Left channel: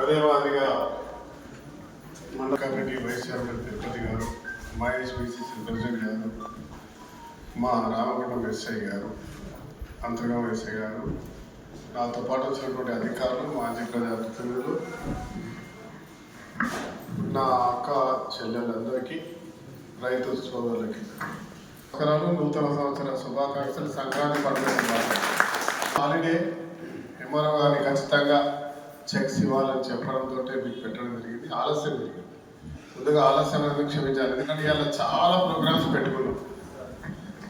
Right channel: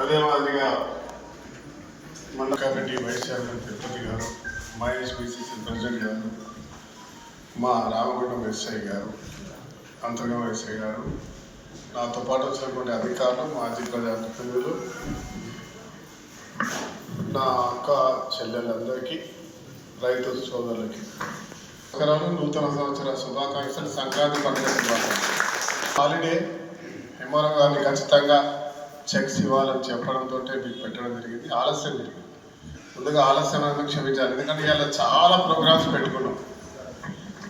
అదే committee vice chairman Tirupati గారు Mahesh BCC president గారు మా రామగుండం ఎస్ఐ గారు అంతర్గం ఎస్ఐ గారు నాతో పాటు వచ్చినటువంటి అధికారులు మాజీ ప్రజాప్రతినిధులు నా అక్క చెల్లెలందరికీ రైతు సోదరులకి నమస్కారాలు నూతన సంవత్సర శుభాకాంక్షలు సంక్రాంతి పండుగ శుభాకాంక్షలు. హాలిడే ఎంఆర్ఓ గారిని ఖచ్చితంగా చెక్స్ ఇవ్వాలని చెప్పడంతో మీకు పెట్టడం జరిగింది. ఆలస్యం జరిగింది. ముందుగా ఆలస్యం అనేది క్షమించాలి. ఎందుకంటే ఇలా చాలా ప్రోగ్రామ్స్ పెట్టుకున్నాం.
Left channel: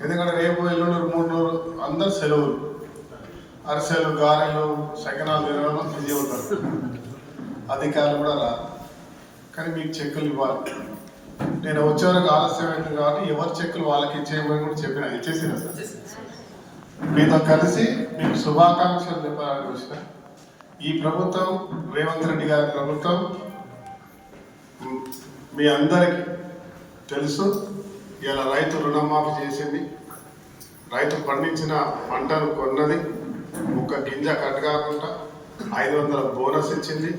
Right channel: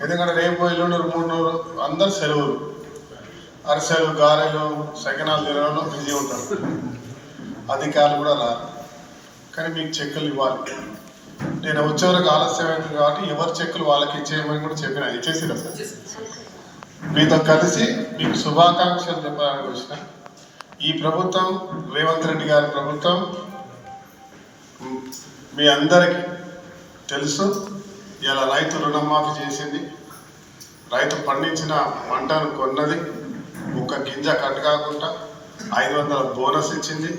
ఎందుకంటే రేపు ఎల్లుండి మూడు నూరు అందరు సెలవులు. అరిసెలు గారెలు సకినాలు తినడంలో బిజీ ఉంటారు. అధికారులు కూడా రారు. కానీ మీకు చెక్కులు ఇవ్వాలి. నేను వచ్చే వరకు ఆలస్యం అయింది కాబట్టి ఎవరి చెక్కులు వాళ్ళకి ఇచ్చేయమని కూడా చెప్పిన. ఇచ్చేసిన సార్. మీతో కలిసి మీకు శుభాకాంక్షలు చెప్పాలని వచ్చిన ఈ ప్రభుత్వం రేవంత్ రెడ్డి గారి ప్రభుత్వం మీ అందరికీ తెలుసు ఇలా రైతు రుణమాఫీ చేసింది. రైతు పండించిన పంటను కొన్నది ఒక్క గింజ కట్ కాకుండా ఐదు వందల బోనస్ ఇచ్చింది.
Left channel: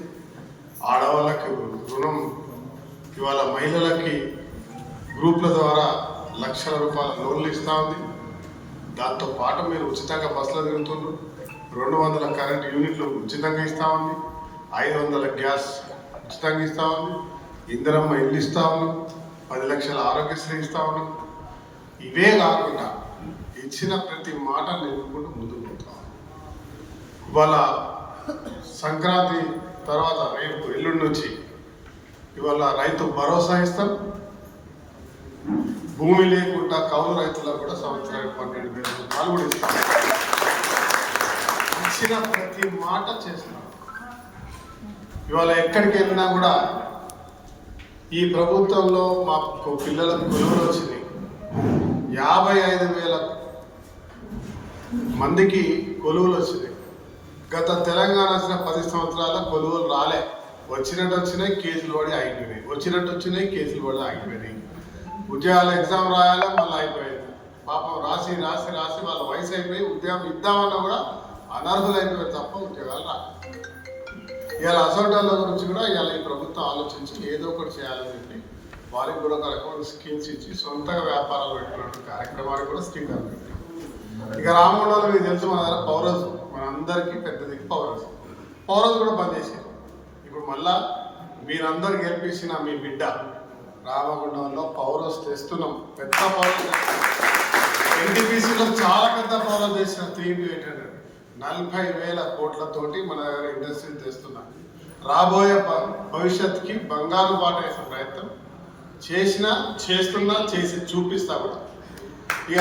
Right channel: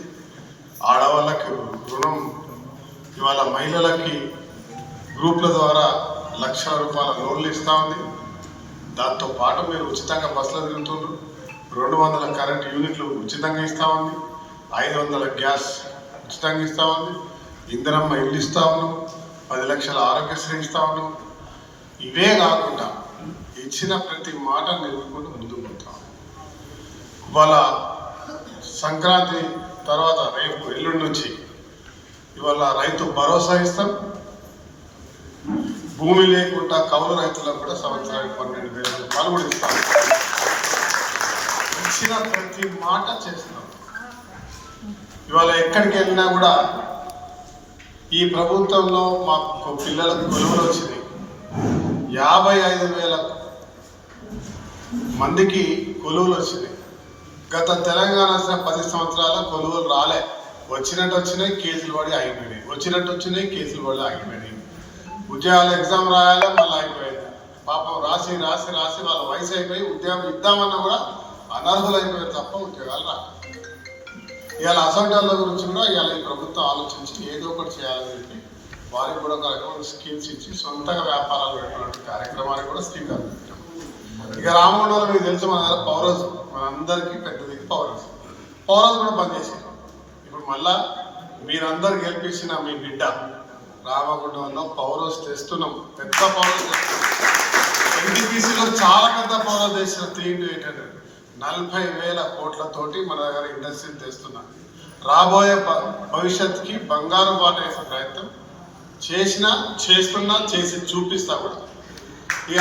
ఆడవాళ్ళకి రుణం ఇవాళ మహిళలకి గ్రూప్ల ద్వారా లక్షల రూపాయల లోన్లు ఇస్తూ ఉంది. దాంతో పాటు మీరు ఉచితంగా బస్సులో తిరుగుతుండ్రు. రెండు వందల కరెంట్ యూనిట్లు ఉచితంగా ఇస్తా ఉంది ఐదు వందల గ్యాస్ ఉచితంగా ఇస్తా ఉంది ఇందిరమ్మ ఇల్లు ఇస్తా ఉన్నాం. పది లక్షల ఆరోగ్యశ్రీ ఇస్తా ఉన్నాం. ఇవే కాకుండా ఇచ్చిన ప్రతి మాట నిలుపుకుంటూ ముందుకు పోతాం. ఇవాళ సంక్రాంతి తర్వాత రేపు ఎల్లుండి నుంచి ఇవాళ రైతు భరోసా ఇస్తాం. భూమి లేకుండా కౌలు రైతులకు కూడా సంవత్సరానికి పన్నెండు వేల రూపాయలు కూడా ఇస్తాం. ఇచ్చిన ప్రతి మాట చేసినాం ఇవాళ ఎక్కడికి వెళ్ళినా కూడా ఈ ప్రభుత్వంలో మాకు పిల్లలకు కొలువులు వచ్చింది యాభై ఐదు వేల మందికి కొలువులు వచ్చినాయి. గత తెలంగాణ వచ్చిన పది సంవత్సరాల కొలువులు రాలే. వచ్చినట్టు వచ్చినాయి కేసులు పడి ఆగిపోయినాయి. వచ్చినట్టు వచ్చినాయి కేసులు పడి ఆగిపోయినాయి. ఉద్యోగాలు ఎగ్జామ్ రాయాలా మళ్ళీ అయిపోయింది పాపం రాసి రాసి రాసి వాళ్ళ వయసు అయిపోయి ఉద్యోగం ఇద్దామన్నా కూడా అనర్హులైపోయారు తప్ప ఉద్యోగాలు రాక ఇవాళ అసంటాల గురించి కూడా ఇవాళ ఈ ప్రభుత్వం ఆలోచించి ఏదో ఒకటి చేయాలని చెప్పి వారికి కూడా ఒక రకమైన స్కీమ్స్ ఇచ్చి సొంతంగా వ్యాపారాలు పెట్టినటువంటి కార్యక్రమానికి కూడా శ్రీకారం పెట్టాం ఇక రామగుండంలో మీకు తెలుసు మన దగ్గర పౌరస్ మనందరికీ పెద్దది పౌరస్. పౌరస్ కూడా బంద్ ఇప్పుడు మళ్ళా మీరందరు గెలిపించిన మీ బిడ్డ రామగుండంలో పౌరస్ తెస్తున్నాం. పెద్ద పౌరస్ ఎన్టీపీసీలో చాలా పెద్ద పౌరస్ చేసిన త్రీ ఏంటంటే ఎయిట్ హండ్రెడ్. నలభై వేల కోట్లతోటి మన దగ్గర ఇండస్ట్రీని తెస్తున్నాం రాబోయే భ- భవిష్యత్తుకి బంగారు బాట వేసే ప్రయత్నం చేసినా చేస్తున్నా చేసి చూపిస్తా కూడా. ఇక